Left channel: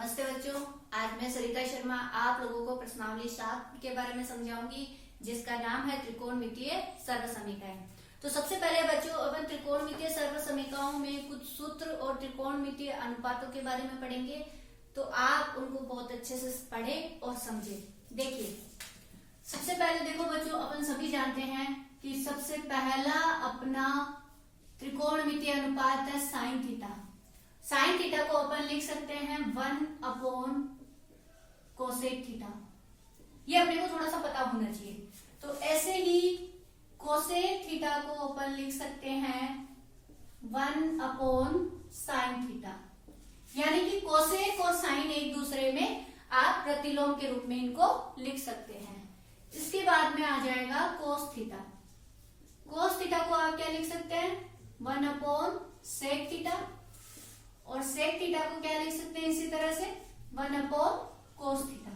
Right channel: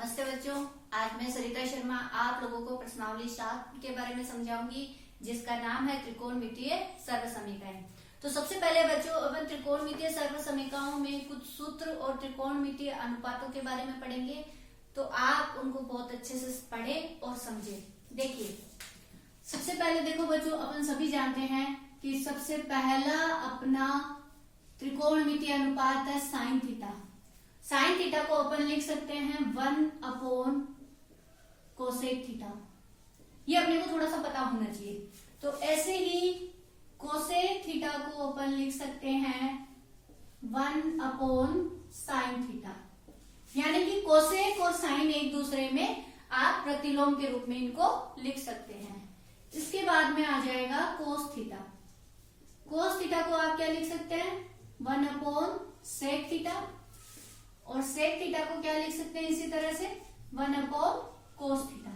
नमस्ते बच्चों, आज मैं सरिता शर्मा आप लोगों को प्रश्नावली 7 के बारे में समझाऊंगी, जिसका नाम है त्रिकोणमितीय सर्वसमीकरण। तो सबसे पहले बच्चों अपन त्रिकोणमितीय सर्वसमीकरणों में कुछ सूत्र और त्रिकोणमितीय अनुपातों के बारे में पढ़ेंगे, तो आप उनको बहुत अच्छे से पढ़ें और समझें। देखिए, सबसे पहले देखो बच्चों, अपन सभी जानते हैं कि सबसे पहला अपना त्रिकोणमितीय अनुपात है साइन थीटा। साइन थीटा को अपन लिख सकते हैं 1/कोसेक थीटा। ये अपने को थोड़ा सा पता होना चाहिए। तो ऐसे ही कोसेक थीटा को अपन लिख सकते हैं 1/साइन थीटा। यानी कि कोसेक और साइन एक दूसरे में आप प्रतिलोम के रूप में इनको लिख सकते हैं। इसके बाद में आ जाएगा कोस थीटा। कोस थीटा को आप क्या लिख सकते हैं 1/सेक थीटा, और सेक थीटा को क्या लिख सकते हैं इसी तरह से 1/कोस थीटा।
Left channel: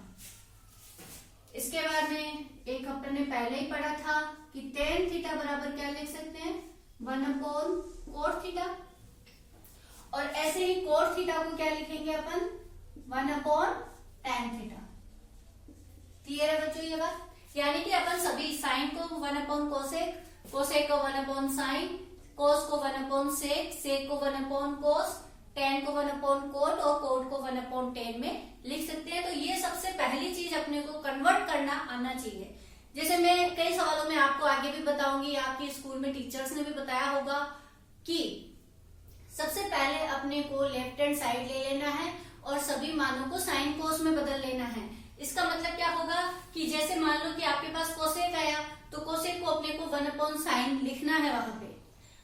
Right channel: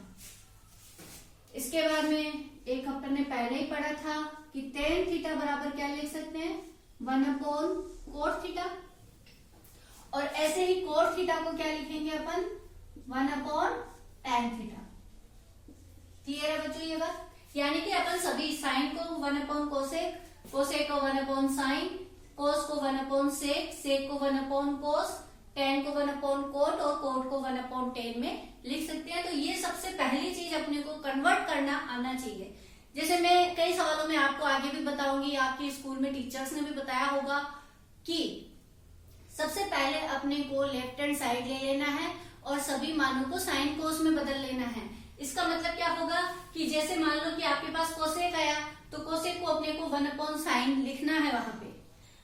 इसके बाद में एक अपन ने पहले ही पढ़ा था कि टेन थीटा बराबर क्या लिख सकते हैं 1/कोट थीटा, और ऐसे ही कोट थीटा को क्या लिखेंगे अपन 1/टैन थीटा। क्लियर है बच्चों ये बात? यानी कि अपन सभी साइन को 1/कोसेक, कोसेक को 1/साइन, कोस को 1/सेक, सेक को 1/कोस, टेन को 1/कोट और कोट को 1/10 में लिख सकते हैं। तो ये सबसे पहली चीज अपने को कन्वर्ट करना आना चाहिए। जैसे मैं कई सवालों में आपको आगे भी बताऊंगी, आपके स्कूल में टीचर्स ने भी बताया होगा कि सबसे पहले अपने को लेफ्ट हैंड साइड ले लेना है और सभी मानों को साइन कोस में बदल लेना है। इसका मतलब क्या होगा कि जैसे मान लो कि आपके पास कोसेक आया तो कोसेक को अपने को 1/साइन लिखना है वहां पे।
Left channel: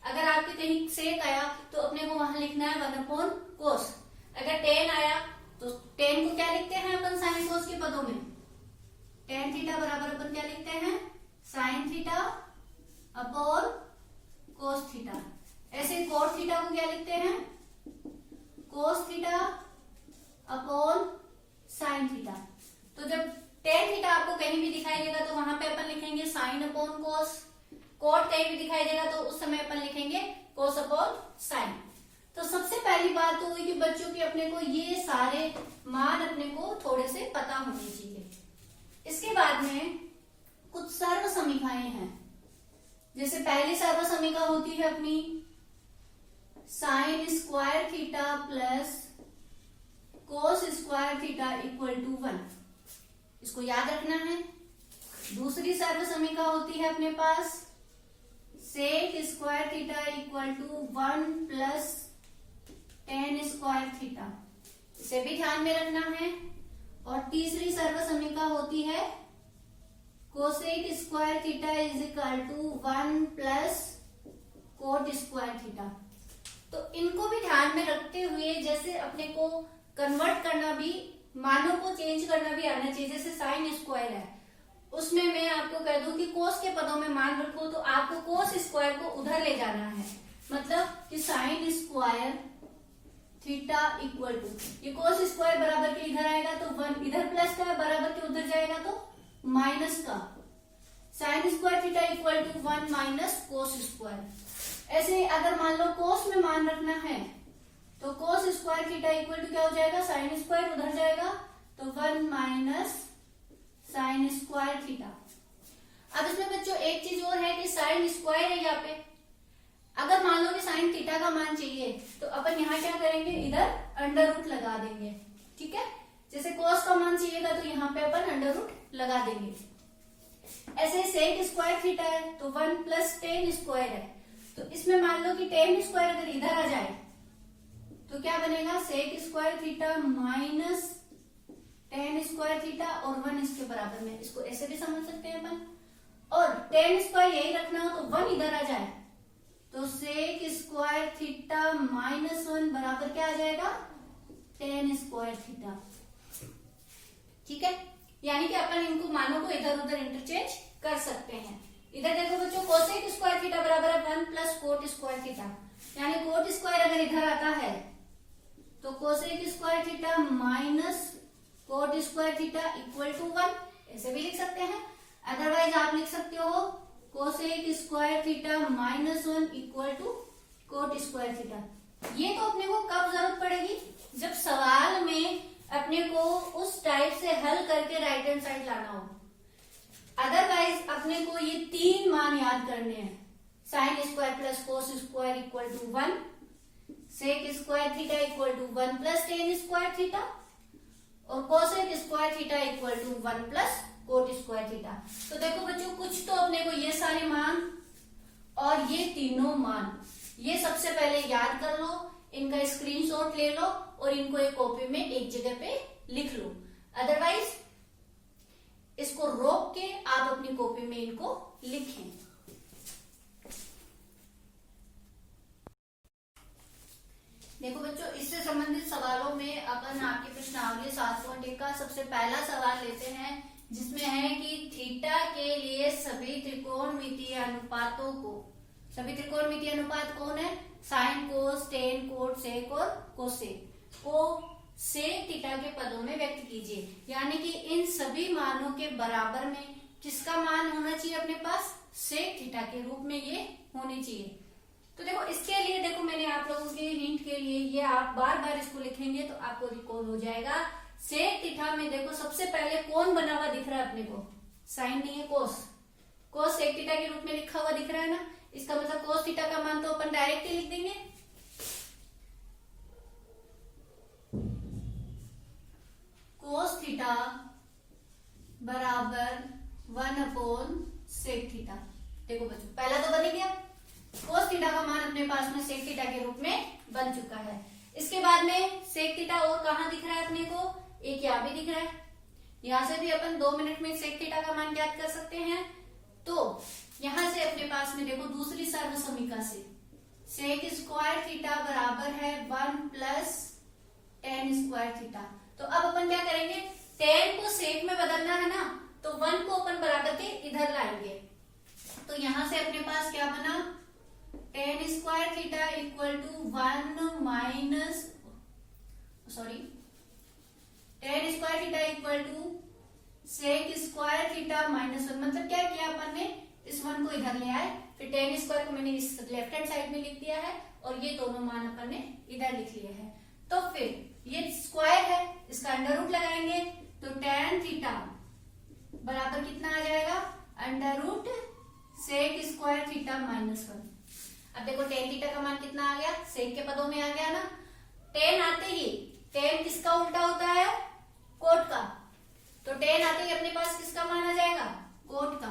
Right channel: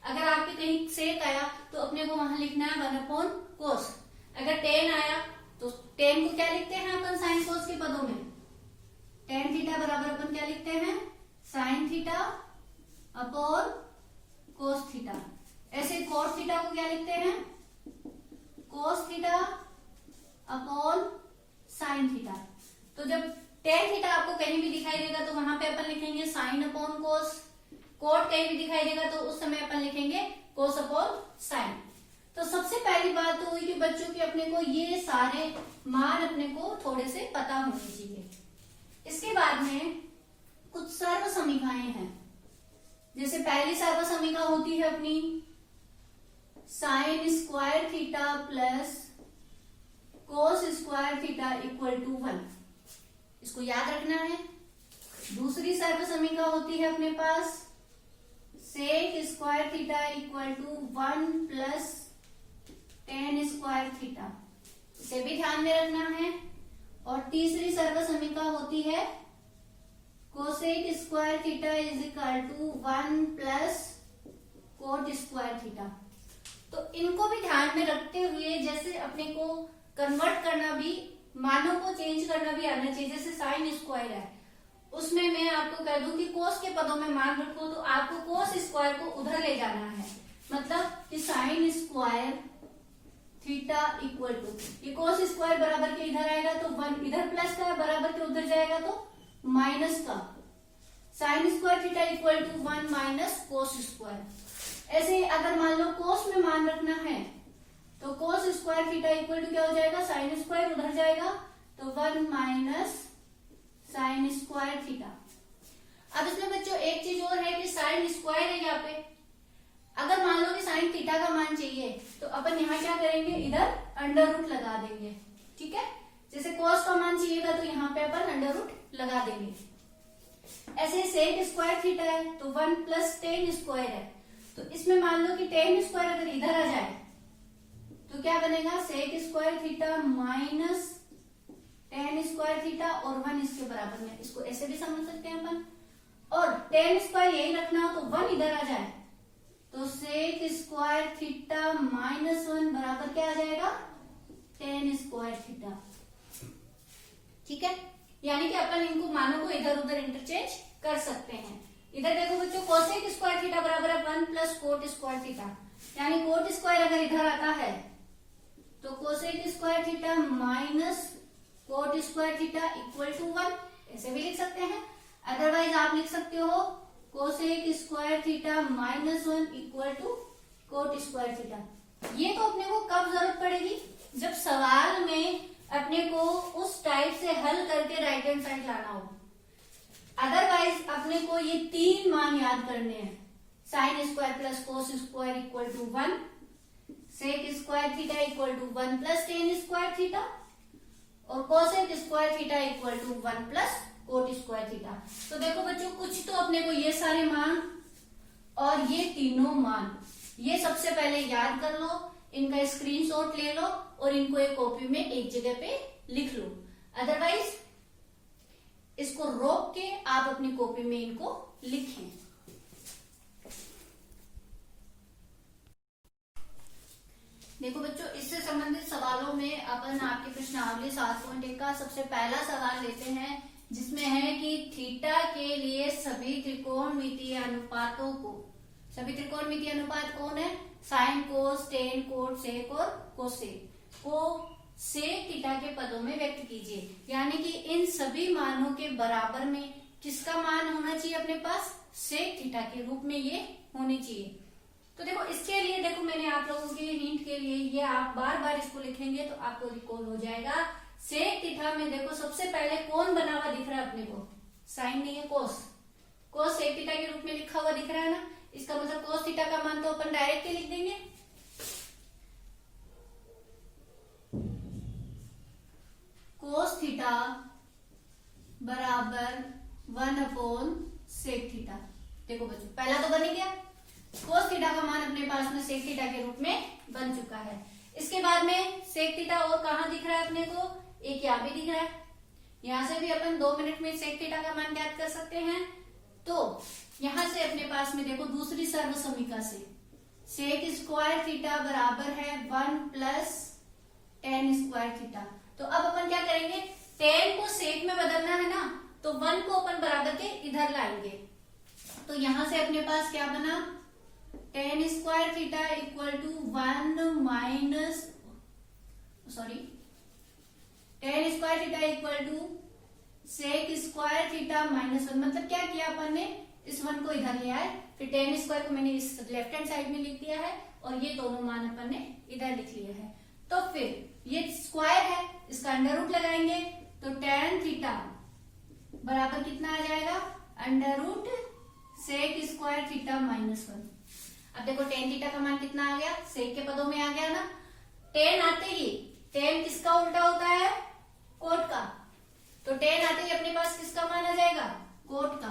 अगर आपके कहीं सेक आया तो अपने को वहां लिखना है 1/कोस। अगर टेन आया तो टेन को क्या लिखते हैं अपन साइन कोस के पदों में, टेन थीटा बराबर अपन क्या लिखते हैं sine theta upon cos theta. ऐसे कोस थीटा को क्या लिखते हैं cos theta upon sine theta. तो जब टेन थीटा आपको कहीं भी दिखाई देगा तो वहां पे अपन लिखेंगे साइन अपॉन कोस, कोट कहीं भी दिखाई देगा तो उस समय अपन लिखेंगे कोस अपॉन साइन। तो सबसे पहली बात तो हुई कि बच्चों की अपने को ये सारे मान अपने को थोड़े से पता होने चाहिए। इसके बाद में कुछ सर्व समीकरणे हैं। जैसे पहली सर्व समीकरण होती है अपनी sine square theta plus cos square theta equal to 1। इसको याद रखना है। दूसरी सर्व समीकरण होती है अपने पास sec square theta equal to 1/टेन स्क्वायर थीटा। इसे भी ध्यान में रखना है। और तीसरी सर्व समीकरण होती है cosec square theta is equal to 1/कोट स्क्वायर थीटा। तो इनको भी ध्यान में रखते हुए जैसे अपने को कन्वर्ट करना भी, मानों को चेंज करना भी आना चाहिए। जैसे साइन स्क्वायर है, उसमें मैं आपको कह दूं कि कोस के पदों में मान रखो तो आपको कोस स्क्वायर को उधर ले जाना है। मतलब कि sine square theta equal to, ये कोस स्क्वायर बराबर के इधर आएगा तो 1, इधर प्लस का बराबर के उधर जाएगा तो माइनस का, sine square theta equal to 1 - cos square. ऐसे अगर मान लो कोस में मान रखना है तो cos square theta equal to क्या हो जाएगा साइन स्क्वायर उधर जाएगा तो 1 - साइन स्क्वायर थीटा। अब इसमें बच्चों एक चीज और है कि साइन स्क्वायर है यहाँ पे। अगर मान लो कि साइन थीटा का मान चाहिए तो अपन यहाँ क्या करेंगे इधर अंडर रूट लगा देंगे। ठीक है, जैसे कोस का मान चाहिएगा तो यहाँ पे अपन अंडर रूट लगा देंगे। ऐसे सेक स्क्वायर थीटा है तो 1/टेन स्क्वायर है, तो इसमें मान लो कि टेन स्क्वायर अगर इधर आ जाए तो क्या बनेगा sec square theta minus tan square theta और 1 इसके बराबर में। इसको ऐसे भी समझ सकते हैं अपन। और टेन स्क्वायर यही रखना हो तो 1 इधर आ जाए तो सेक स्क्वायर थीटा -1 बराबर क्या आ जाएगा टेन स्क्वायर थीटा। ठीक है, यानी कि अपन इनको मानों को इधर उधर इंटरचेंज कर सकते हैं। इधर देखो बच्चों कोसेक स्क्वायर थीटा बराबर है 1+कोट स्क्वायर थीटा। यानी कोट स्क्वायर अगर इधर आता है तो cosec square theta minus cot square theta equal to 1, ऐसे भी लिख सकते हैं। अदरवाइज आप लिख सकते हो cosec square theta -1 equal to cot square theta. ये तो अपने को कब जरूरत पड़ेगी जब सवाल में अपने को उस टाइप से हल करके राइट हैंड साइड लाना हो। अदरवाइज अपने को ये 3 मान याद करने हैं। Sine square plus cos square equal to 1, sec square theta equal to 1 plus tan square theta, और cosec square theta equal to 1 plus cot square theta. तो देखो बच्चों, कुछ तो अपने को ये सारे मान और ये तीनों मान ये सबसे पहले याद कर लो, इनका स्क्रीनशॉट ले लो और इनको एक कॉपी में एक जगह पे लिख लो। अदरवाइज इसको रोक के आप अपनी कॉपी में इनको लिखें। देखो बच्चों, इससे संबंधित सवालों में अपन आपकी प्रश्नावली 7.1 का सबसे पहला सवाल लेते हैं, जिसमें है कि थीटा के लिए सभी त्रिकोणमितीय अनुपातों को, सभी त्रिकोणमितीय अनुपात कौन है? साइन, कोस, टेन, कोट, सेक और कोसेक को सेक थीटा के पदों में व्यक्त कीजिए। यानी कि इन सभी मानों के बराबर में किसका मान होना चाहिए अपने पास? सेक थीटा के रूप में ये होने चाहिए। तो देखो, इसके लिए देखो मैंने आप लोगों के हिंट के लिए ये आप बार बार इसको लिखेंगे तो आपको रिकॉल हो जाएगा। सेक थीटा में देखो सबसे पहले कौन बना हुआ दिख रहा है अपने को? साइन नहीं है, कोस। कोस सेक थीटा के रूप में लिखा हुआ दिख रहा है ना, इसका मतलब कोस थीटा का मान तो अपन डायरेक्ट ही लिख देंगे। कोस थीटा बराबर 1/सेक थीटा। देखो बच्चों, पहला तो बन गया, कोस थीटा का मान अपने पास में सेक थीटा के रूप में बन चुका है। इसके बाद में सेक थीटा और कहां दिख रहा है अपने को? एक यहां भी दिख रहा है। यहां से भी अपन 2 मिनट में सेक थीटा का मान ज्ञात कर सकते हैं। तो यहां से अपने पास में देखो दूसरी सर्व समीकरण से सेक स्क्वायर थीटा बराबर है 1 प्लस टेन स्क्वायर थीटा। तो अब अपन क्या करेंगे? टेन को सेक में बदलना है ना, तो 1 को अपन बराबर के इधर लाएंगे। तो यहां से अपने पास क्या बना? Tan square theta equal to 1 minus, sorry, tan square theta equal to sec square theta minus 1। मतलब क्या किया अपन ने? इस 1 को इधर ले आए, फिर टेन स्क्वायर को मैंने इस लेफ्ट हैंड साइड में लिख दिया है और ये दोनों मान अपन ने इधर लिख लिया है। तो फिर ये स्क्वायर है, इसका अंडर रूट लगाएंगे तो टेन थीटा बराबर कितना आ जाएगा? Under root sec square theta minus 1। अब देखो टेन थीटा का मान कितना आ गया? सेक के पदों में आ गया ना। टेन आते ही, टेन किसका उल्टा होता है? कोट का। तो टेन आते ही अपने पास किसका मान आ जाएगा? कोट का।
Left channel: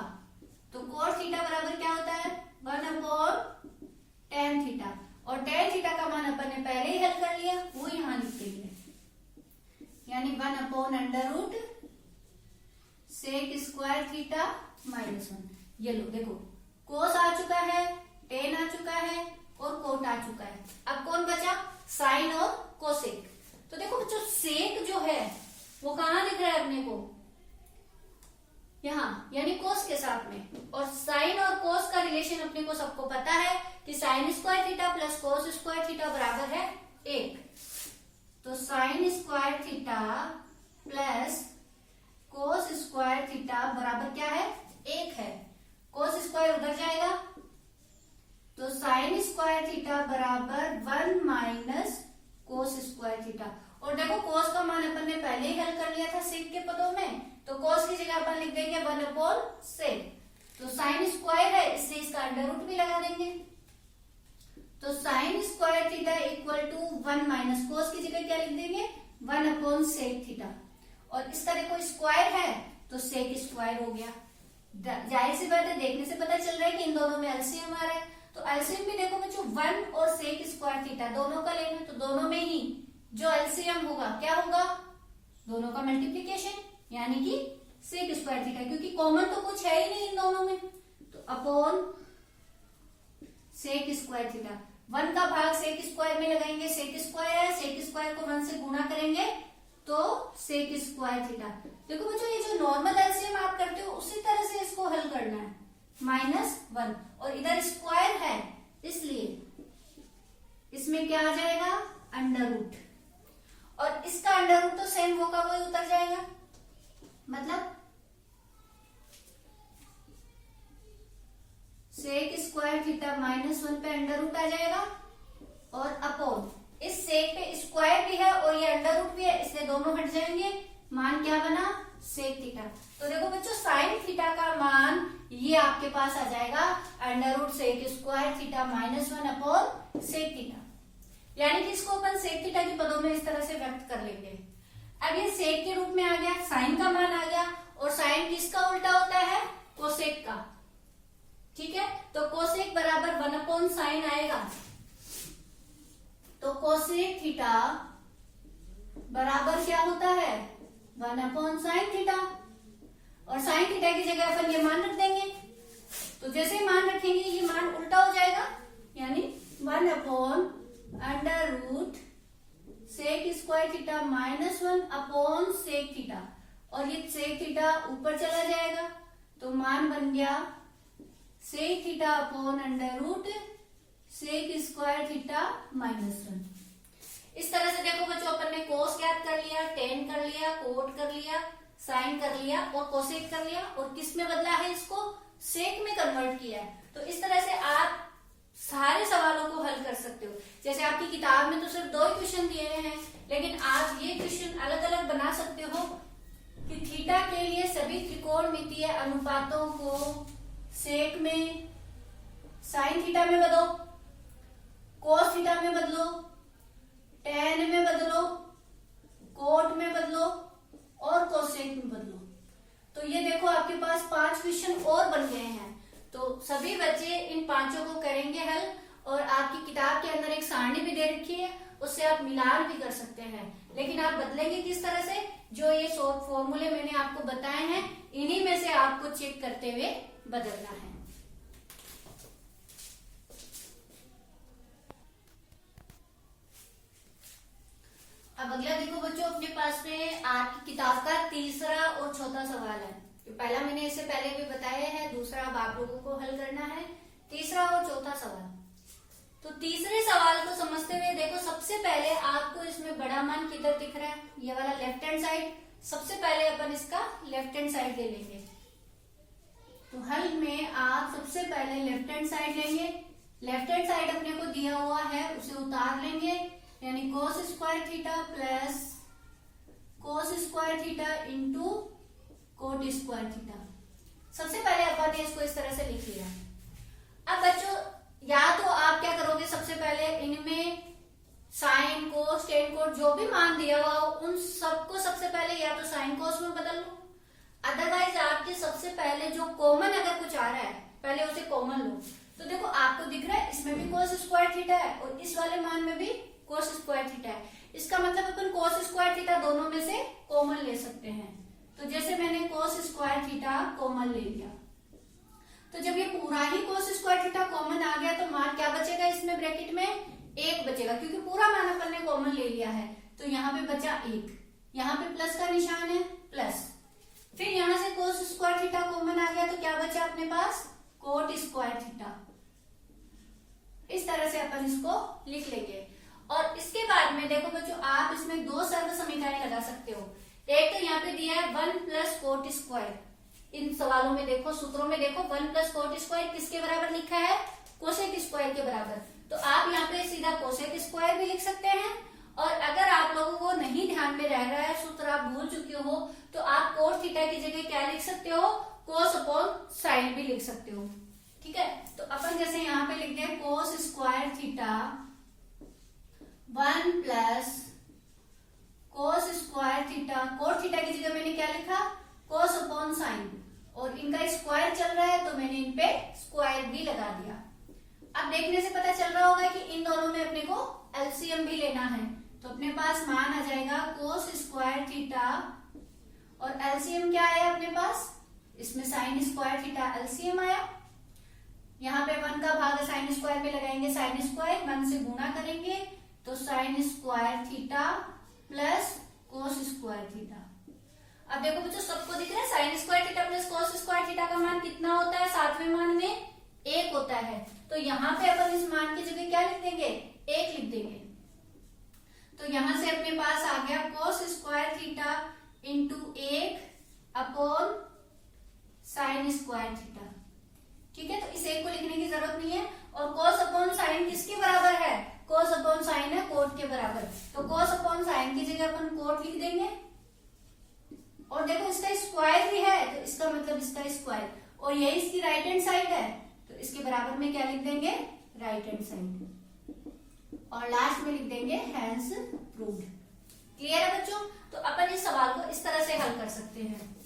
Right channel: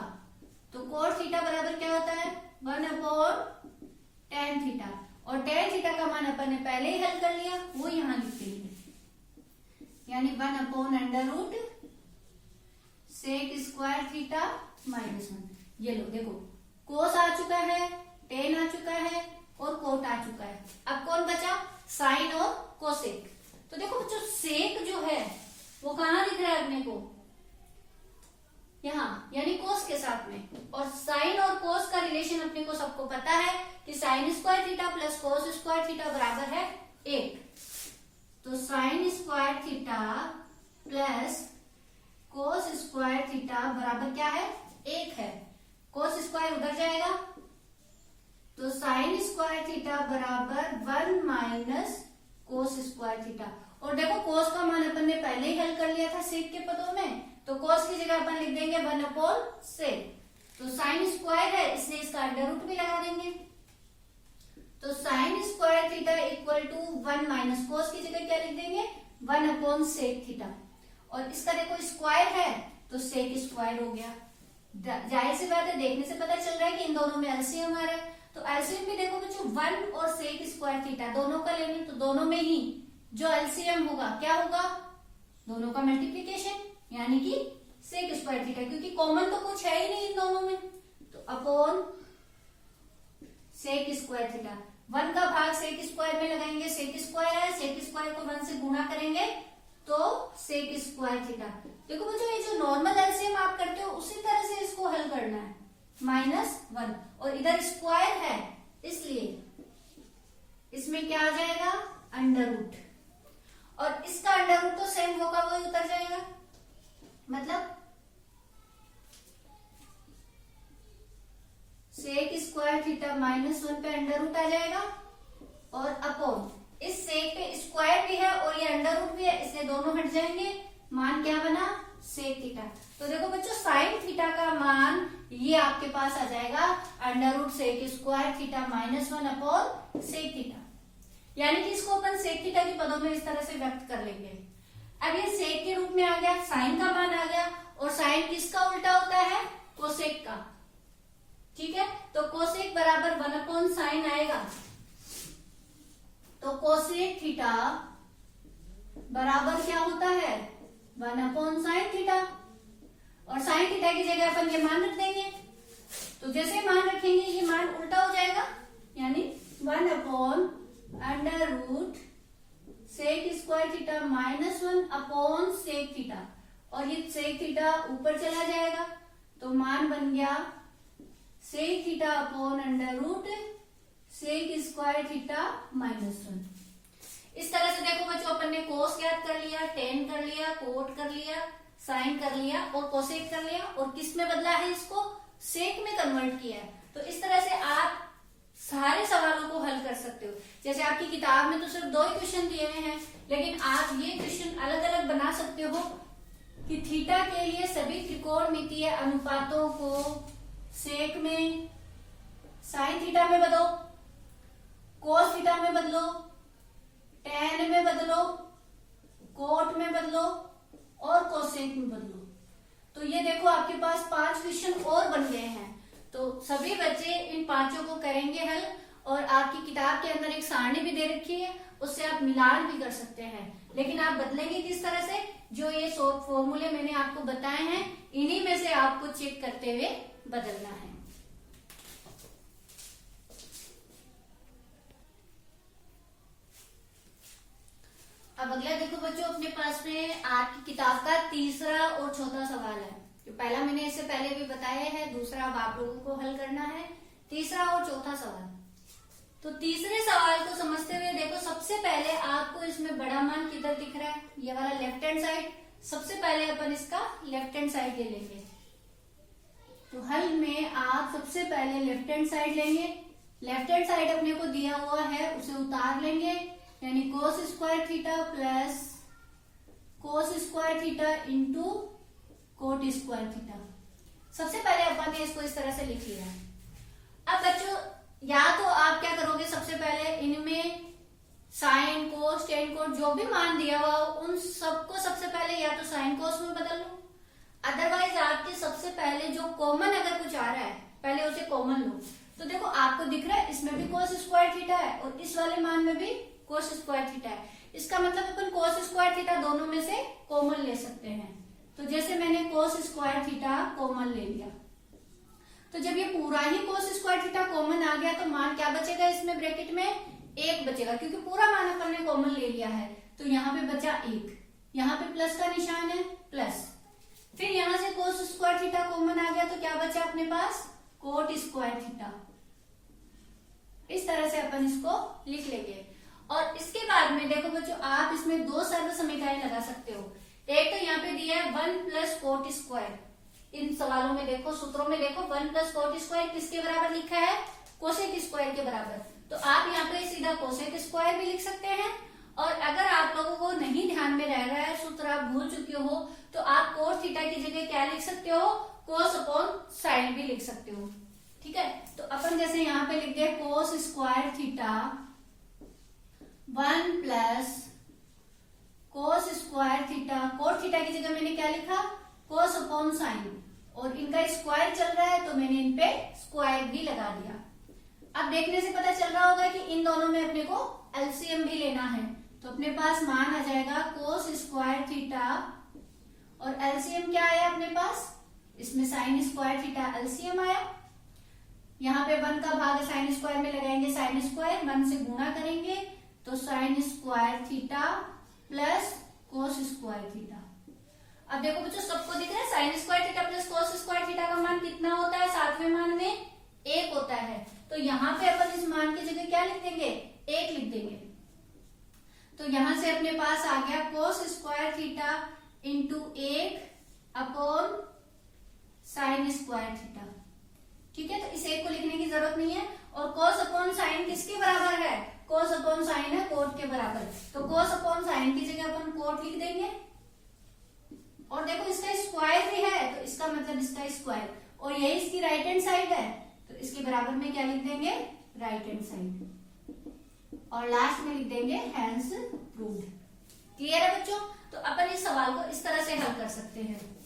तो कोट थीटा बराबर क्या होता है? 1/tan theta. और tan थीटा का मान अपन ने पहले ही हल कर लिया, वो यहां लिख देंगे, यानी 1/√, सेक स्क्वायर थीटा माइनस 1। ये लो देखो, कोस आ चुका है, टेन आ चुका है और कोट आ चुका है। अब कौन बचा? साइन और कोसेक। तो देखो बच्चों, सेक जो है वो कहां दिख रहा है अपने को? यहां, यानी कोस के साथ में। और साइन और कोस का रिलेशन अपने को सबको पता है कि sine square theta plus cos square theta बराबर है 1। तो sine square theta plus cos square theta बराबर क्या है? 1 है। कोस स्क्वायर उधर जाएगा तो साइन स्क्वायर थीटा बराबर 1 माइनस कोस स्क्वायर थीटा। और देखो कोस का मान अपन ने पहले ही हल कर लिया था सेक के पदों में, तो कोस की जगह अपन लिख देंगे 1/सेक। तो साइन स्क्वायर है, इससे इसका अंडर रूट भी लगा देंगे। तो sine square theta equal to 1 minus cos की जगह क्या लिख देंगे? 1/सेक थीटा। और इसका देखो स्क्वायर है तो सेक स्क्वायर हो गया। जाहिर सी बात है, देखने से पता चल रहा है कि इन दोनों में एलसीएम आ रहा है। तो एलसीएम में देखो बच्चों 1 और सेक स्क्वायर थीटा दोनों का लेना, तो दोनों में ही जो एलसीएम होगा क्या होगा? दोनों का मल्टीप्लीकेशन, यानी कि सेक स्क्वायर थीटा, क्योंकि कॉमन तो कुछ है ही नहीं इन दोनों में। तो अपॉन सेक स्क्वायर थीटा, 1 का भाग सेक स्क्वायर में लगाएंगे, सेक स्क्वायर है, सेक स्क्वायर को 1 से गुणा करेंगे तो सेक स्क्वायर थीटा। देखो बच्चों, ये जो नॉर्मल एलसीएम आप करते हो उसी तरह से इसको हल करना है। -1 और इधर स्क्वायर है इसलिए इसमें क्या आ जाएगा? Under root. और इसका अंडर रूट तो सेम होगा, वो उतर जाएगा। मतलब सेक स्क्वायर थीटा -1 पे अंडर रूट आ जाएगा और अपॉन इस सेक पे स्क्वायर भी है और ये अंडर रूट भी है, इसलिए इसलिए दोनों हट जाएंगे, मान क्या बना, सेक थीटा। तो देखो बच्चों साइन थीटा का मान ये आपके पास आ जाएगा under root sec square theta minus 1 upon sec theta, यानी कि इसको अपन सेक थीटा के पदों में इस तरह से व्यक्त कर लेंगे। अब ये सेक के रूप में आ गया, साइन का मान आ गया, और साइन किसका उल्टा होता है, कोसेक का। ठीक है, तो कोसेक बराबर 1 अपॉन साइन आएगा, तो कोसेक थीटा बराबर क्या होता है, 1 अपॉन साइन थीटा, और साइन थीटा की जगह अपन ये मान रख देंगे। तो जैसे मान रखेंगे ये मान उल्टा हो जाएगा, यानी 1 upon under root sec square theta minus 1 upon sec theta, और ये सेक थीटा ऊपर चला जाएगा, तो मान बन गया sec theta upon under root sec square theta minus 1। इस तरह से देखो बच्चों अपन ने कोस ज्ञात कर लिया, टेन कर लिया, कोट कर लिया, साइन कर लिया और कोसेक कर लिया, और किस में बदला है, इसको सेक में कन्वर्ट किया है। तो इस तरह से आप सारे सवालों को हल कर सकते हो। जैसे आपकी किताब में तो सिर्फ 2 ही क्वेश्चन दिए हुए हैं, लेकिन आप ये क्वेश्चन अलग अलग बना सकते हो कि थीटा के लिए सभी त्रिकोणमितीय अनुपातों को सेक में, साइन थीटा में बदलो, कोस थीटा में बदलो, टेन में बदलो, कोट में बदलो और कोसेक में बदलो। तो ये देखो आपके पास 5 क्वेश्चन और बन गए हैं। तो सभी बच्चे इन 5 को करेंगे हल, और आपकी किताब के अंदर एक सारणी भी दे रखी है, उससे आप मिलान भी कर सकते हैं। लेकिन आप बदलेंगे किस तरह से, जो ये फॉर्मूले मैंने आपको बताए हैं इन्हीं में से आपको चेक करते हुए बदलना है। अब अगला देखो बच्चों, अपने पास में आपकी किताब का तीसरा और चौथा सवाल है। तो पहला मैंने इससे पहले भी बताया है, दूसरा अब आप लोगों को हल करना है, तीसरा और चौथा सवाल। तो तीसरे सवाल को समझते हुए देखो, सबसे पहले आपको इसमें बड़ा मान किधर दिख रहा है, ये वाला लेफ्ट हैंड साइड। सबसे पहले अपन इसका लेफ्ट हैंड साइड ले लेंगे। तो हल में आप सबसे पहले लेफ्ट हैंड साइड लेंगे। लेफ्ट हैंड साइड अपने को दिया हुआ है, उसे उतार लेंगे, यानी कोस square theta plus cos square theta into coat square theta. सबसे पहले अपन ने इसको इस तरह से लिख लिया। अब बच्चों या तो आप क्या करोगे, सबसे पहले इनमें साइन कोस टेन कोट जो भी मान दिया हुआ उन सबको सबसे पहले या तो साइन कोस में बदल लो, अदरवाइज आपके सबसे पहले जो कॉमन अगर कुछ आ रहा है पहले उसे कॉमन लो। तो देखो आपको दिख रहा है इसमें भी कोस स्क्वायर थीटा है और इस वाले मान में भी कोस स्क्वायर थीटा है। इसका मतलब अपन कोस स्क्वायर थीटा दोनों में से कॉमन ले सकते हैं। तो जैसे मैंने कोस स्क्वायर थीटा कॉमन ले लिया, तो जब ये पूरा ही कोस स्क्वायर थीटा कॉमन आ गया तो मान क्या बचेगा, इसमें ब्रैकेट में 1 बचेगा, क्योंकि पूरा मान अपन ने कॉमन ले लिया है। तो यहाँ पे बचा 1, यहाँ पे प्लस का निशान है प्लस, फिर यहाँ से कोस स्क्वायर थीटा कॉमन आ गया तो क्या बचा अपने पास, कोट स्क्वायर थीटा। इस तरह से अपन इसको लिख लेंगे। और इसके बाद में देखो बच्चों, आप इसमें 2 सर्व समीकरण लगा सकते हो। एक तो यहाँ पे दिया है 1 प्लस कोट स्क्वायर। इन सवालों में देखो, सूत्रों में देखो 1 प्लस कोट स्क्वायर किसके बराबर लिखा है, कोसेक स्क्वायर के बराबर। तो आप यहाँ पे सीधा कोसेक स्क्वायर भी लिख सकते हैं। और अगर आप लोगों को नहीं ध्यान में रह रहा है, सूत्र आप भूल चुके हो, तो आप कोस थीटा की जगह क्या लिख सकते हो, कोस अपॉन साइन भी लिख सकते हो। ठीक है, तो अपन जैसे यहाँ पे लिख दे cos square theta 1 plus cos square theta, cot theta की जगह मैंने क्या लिखा, कोस अपॉन साइन, और इनका स्क्वायर चल रहा है तो मैंने इन पे स्क्वायर भी लगा दिया। अब देखने से पता चल रहा होगा कि इन दोनों में अपने को एलसीएम भी लेना है। तो अपने पास मान आ जाएगा कोस स्क्वायर थीटा, और एलसीएम क्या आया अपने पास, इसमें साइन स्क्वायर थीटा एलसीएम आया। यहाँ पे 1 का भाग साइन स्क्वायर में लगाएंगे, साइन स्क्वायर 1 से गुणा करेंगे तो sine square theta plus cos square theta. अब देखो बच्चों सबको दिख रहा है, sign square theta plus cos square theta का मान कितना होता है, 7वें मान में 1 होता है। तो यहाँ पे अपन इस मान की जगह क्या लिख देंगे, 1 लिख देंगे। तो यहां से अपने पास आ गया कोस square theta into 1 upon sine square theta. ठीक है, तो इस 1 को लिखने की जरूरत नहीं है। और कोस अपॉन साइन किसके बराबर है, कोस अपॉन साइन है कोट के बराबर, तो कोस अपॉन साइन की जगह अपन कोट लिख देंगे। और देखो इसका स्क्वायर भी है तो इसका मतलब इसका स्क्वायर, और यही इसकी राइट हैंड साइड है तो इसके बराबर में क्या लिख देंगे, राइट हैंड साइड, और लास्ट में लिख देंगे हैंस प्रूव्ड। क्लियर है बच्चों? तो अपन इस सवाल को इस तरह से हल कर सकते हैं।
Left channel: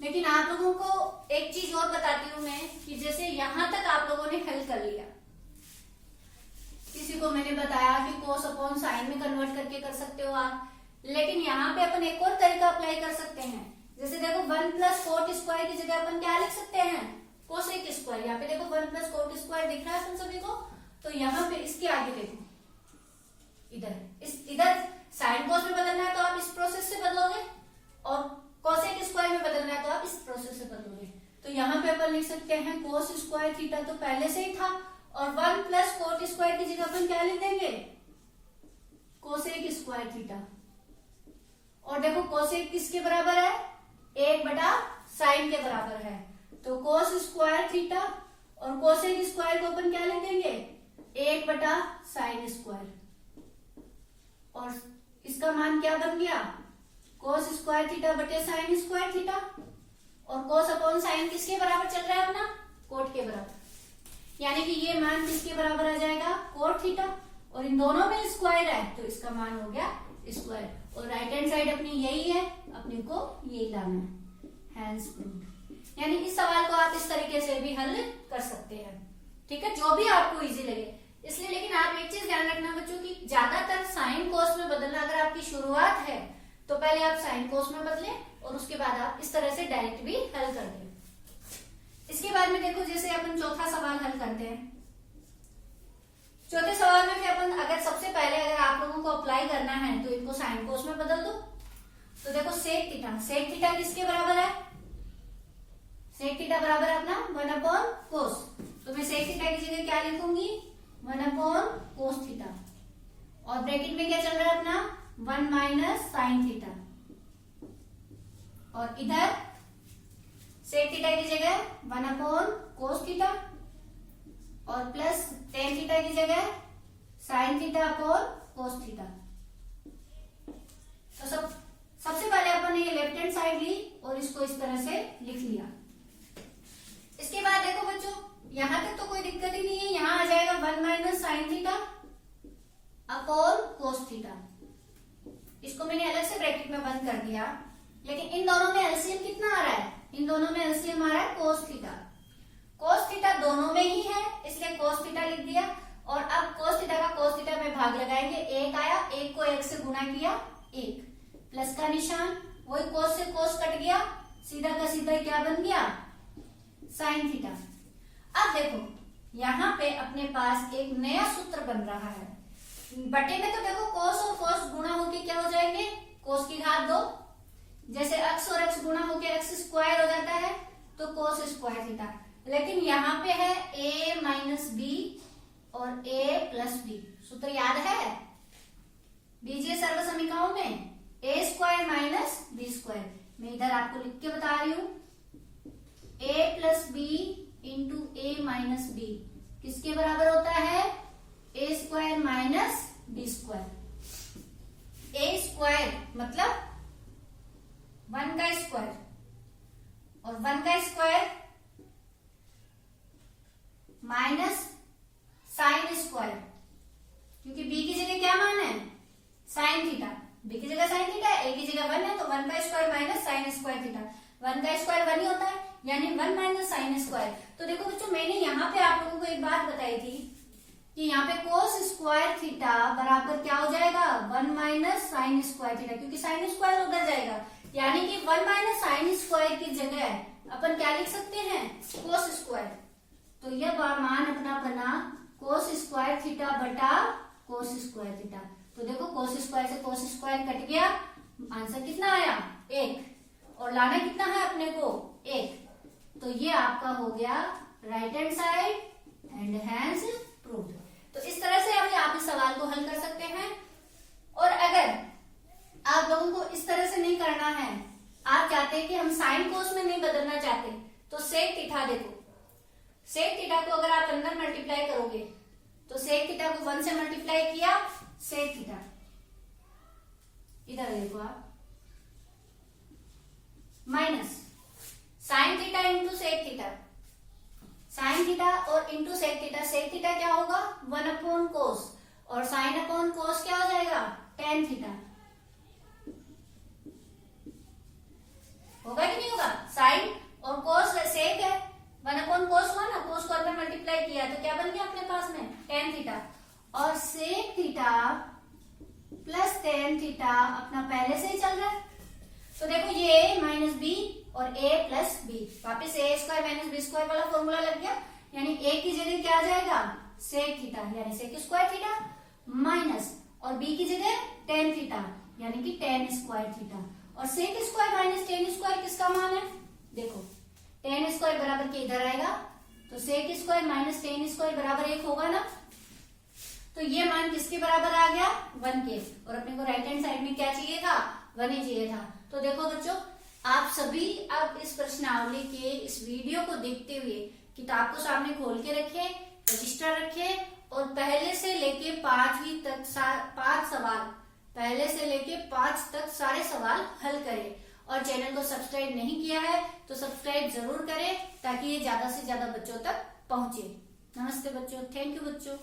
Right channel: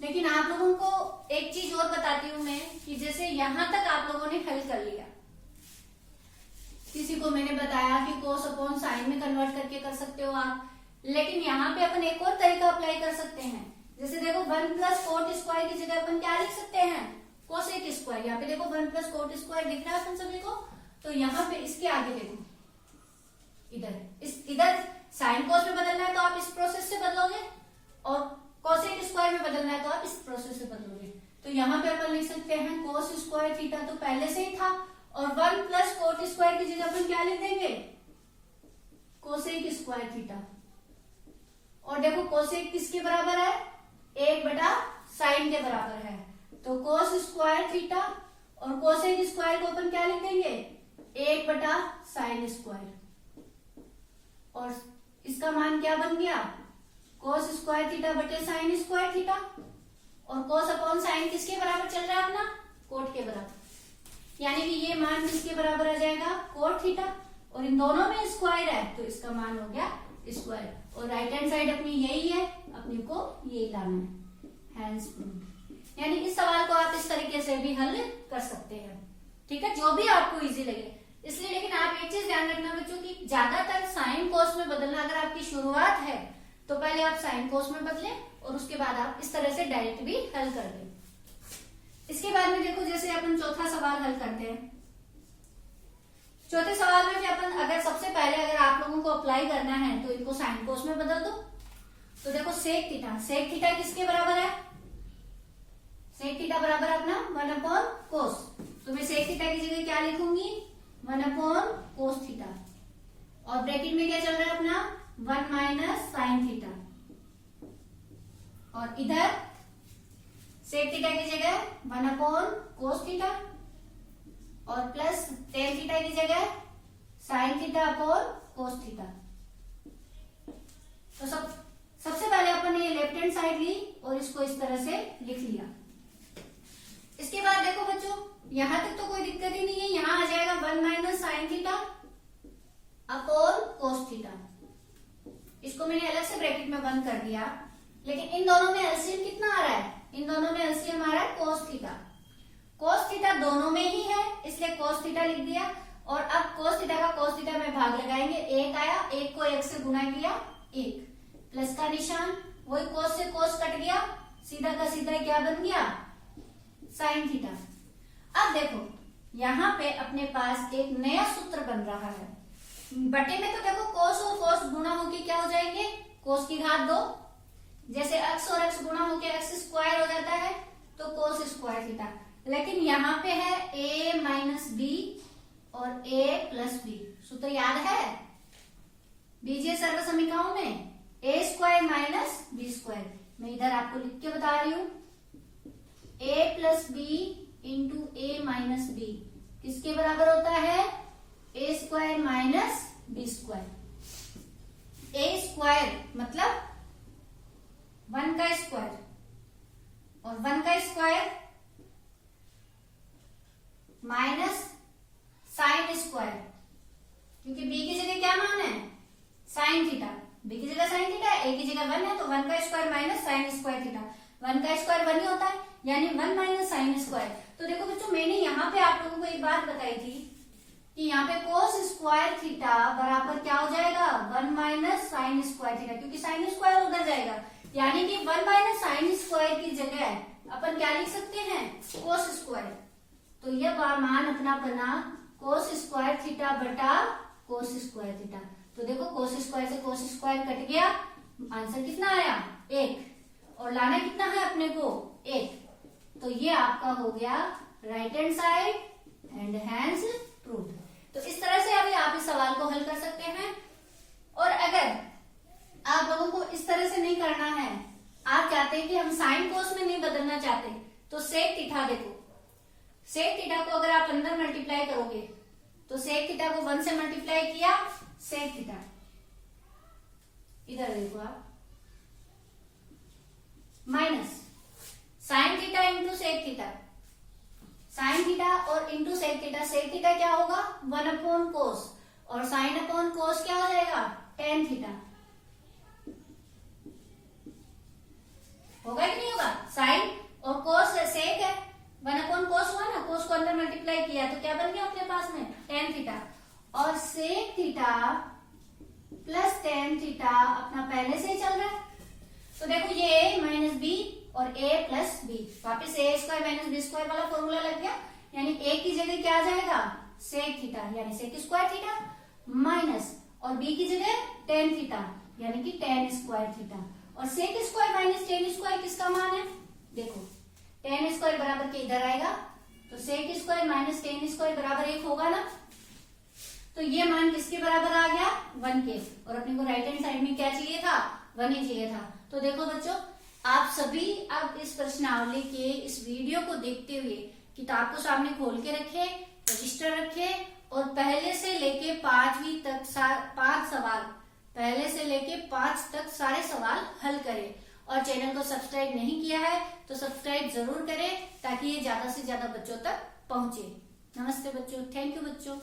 लेकिन आप लोगों को एक चीज और बताती हूं मैं कि जैसे यहां तक आप लोगों ने हल कर लिया, किसी को मैंने बताया कि कोस अपॉन साइन में कन्वर्ट करके कर सकते हो आप, लेकिन यहाँ पे अपन एक और तरीका अप्लाई कर सकते हैं। जैसे देखो 1 प्लस कोट स्क्वायर की जगह अपन क्या लिख सकते हैं, कोसेक स्क्वायर। यहाँ पे देखो 1 प्लस कोट स्क्वायर दिख रहा है अपन सभी को, तो यहाँ पे इसके आगे देखो इधर साइन कोस में बदलना है तो आप इस प्रोसेस से बदलोगे, और कोसेक स्क्वायर में बदलना है तो आप इस प्रोसेस से बदलोगे। तो यहाँ पे अपन लिख सकते हैं कोस स्क्वायर थीटा तो पहले से ही था, और 1 प्लस कोट स्क्वायर की जगह अपन क्या लिख देंगे, कोसेक स्क्वायर थीटा। और देखो कोसेक किसके बराबर है, 1 बटा साइन के बराबर है, तो कोस स्क्वायर थीटा और कोसेक स्क्वायर को अपन क्या लिख देंगे, 1 बटा साइन स्क्वायर, और इसका मान क्या बन गया, कोस स्क्वायर थीटा बटे साइन स्क्वायर थीटा। और कोस अपॉन साइन किसके बराबर चल रहा है अपना, कोट के बराबर, यानी कि ये मान किसके बराबर आ जाएगा, कोट थीटा, और इन दोनों में स्क्वायर है तो इसका मान हो गया स्क्वायर, और राइट हैंड साइड अपनी यही है, अपने को यही लाना है, हैंस प्रूव्ड। यानी इस सवाल को आप इस तरीके से भी हल कर सकते हैं, ठीक है, जो भी आपको इजी लगे। इसलिए लेकिन आप एक चीज ध्यान रखना बच्चों की ज्यादातर साइन कोस में बदलना अगर आपकी शुरुआत है तो पहले आप साइन कोस में बदलें और उसके बाद आप इस तरह से डायरेक्ट भी हल कर दें। इसके बाद में देखो जैसे अपन चौथा सवाल हल करते हैं। चौथे सवाल में भी अपन अगर सबसे पहले अगर आप लोगों को अप्लाई करना है तो इनको साइन कोस में बदल दो। तो देखो सेक थीटा किसके बराबर है, सेक थीटा बराबर अपना 1 अपॉन कोस, तो मैं सेक थीटा की जगह क्या लिखूंगी, 1 अपॉन कोस थीटा, और ब्रैकेट में क्या चल रहा है अपना 1 माइनस साइन थीटा, और इधर सेक थीटा की जगह 1 अपॉन कोस थीटा, और प्लस टेन थीटा की जगह sine theta upon cos theta. तो सबसे पहले अपन ने लेफ्ट हैंड साइड ली और इसको इस तरह से लिख लिया। इसके बाद देखो बच्चों यहां तक तो कोई दिक्कत ही नहीं है, यहां आ जाएगा 1 minus sine theta upon cos theta. इसको मैंने अलग से ब्रैकेट में बंद कर दिया, लेकिन इन दोनों में एलसीएम कितना आ रहा है, इन दोनों में एलसीएम आ रहा है कोस थीटा। कोस थीटा दोनों में ही है इसलिए कोस थीटा लिख दिया, और अब कोस थीटा का कोस थीटा में भाग लगाएंगे, 1 आया, 1 को 1 से गुणा किया, 1 प्लस का निशान, वही कोस से कोस कट गया, सीधा का सीधा क्या बन गया, साइन थीटा। अब देखो यहाँ पे अपने पास एक नया सूत्र बन रहा है, बटे में तो देखो कोस और कोस गुणा होके क्या हो जाएंगे, कोस की घात 2, जैसे x और x गुणा होके x स्क्वायर हो जाता है तो कोस स्क्वायर थीटा। लेकिन यहाँ पे है a माइनस बी और a प्लस बी, सूत्र याद है, दीजिए सर्व समीकरणों में a square minus B square. मैं इधर आपको लिख के बता रही हूं, a plus B into A minus B किसके बराबर होता है, a square minus B square. a square मतलब 1 का स्क्वायर, और 1 का स्क्वायर माइनस साइन स्क्वायर, क्योंकि b की जगह क्या मान है, साइन थीटा, b की जगह साइन थीटा, a की जगह 1 है, तो 1 का square minus sine square theta, 1 का स्क्वायर 1 ही होता है, यानी 1 माइनस साइन स्क्वायर। तो देखो बच्चों मैंने यहाँ पे आप लोगों को एक बात बताई थी कि यहाँ पे कोस स्क्वायर थीटा बराबर क्या हो जाएगा, 1 माइनस साइन स्क्वायर थीटा, क्योंकि साइन स्क्वायर उधर जाएगा, यानी कि 1 माइनस साइन स्क्वायर की जगह अपन क्या लिख सकते हैं, कोस स्क्वायर। तो यह मान अपना बना कोस स्क्वायर थीटा बटा कोस स्क्वायर थीटा। तो देखो कोस स्क्वायर से कोस स्क्वायर कट गया, आंसर कितना आया, 1, और लाना कितना है अपने को, 1। तो ये आपका हो गया right hand side and hence proved. तो इस तरह से अभी आप इस सवाल को हल कर सकते हैं। और अगर आप लोगों को इस तरह से नहीं करना है, आप चाहते हैं कि हम साइन कोस में नहीं बदलना चाहते, तो सेक थीटा देखो, सेक थीटा को अगर आप अंदर मल्टीप्लाई करोगे तो सेक थीटा को 1 से मल्टीप्लाई किया, सेक थीटा। इधर देखो आप, minus sine theta into sec theta. Sine theta और into sec theta, sec theta क्या होगा 1 अपॉन कोस, और साइन अपॉन कोस क्या हो जाएगा टेन थीटा। होगा कि नहीं होगा? साइन और कोस सेक है, 1 अपॉन कोस हुआ ना, कोस को अंदर मल्टीप्लाई किया तो क्या बन गया अपने पास में टेन थीटा। और sec theta plus tan theta अपना पहले से ही चल रहा है, तो देखो ये a माइनस बी और a प्लस बी, वापिस a square minus B square वाला फॉर्मूला लग गया। यानी a की जगह क्या आ जाएगा सेक थीटा यानी सेक स्क्वायर थीटा, माइनस और b की जगह टेन थीटा यानी कि टेन स्क्वायर थीटा। और sec square minus tan square किसका मान है? देखो टेन स्क्वायर बराबर के इधर आएगा, तो sec square minus tan square बराबर 1 होगा ना, तो ये मान किसके बराबर आ गया 1 के। और अपने को राइट हैंड साइड में क्या चाहिए था 1 ही चाहिए था। तो देखो बच्चों, आप सभी अब इस प्रश्नावली के इस वीडियो को देखते हुए किताब को सामने खोल के रखे, रजिस्टर रखे और पहले से लेके 5वीं तक 5 सवाल, पहले से लेके 5 तक सारे सवाल हल करें। और चैनल को सब्सक्राइब नहीं किया है तो सब्सक्राइब जरूर करें ताकि ये ज्यादा से ज्यादा बच्चों तक पहुंचे। नमस्ते बच्चों, थैंक यू बच्चों।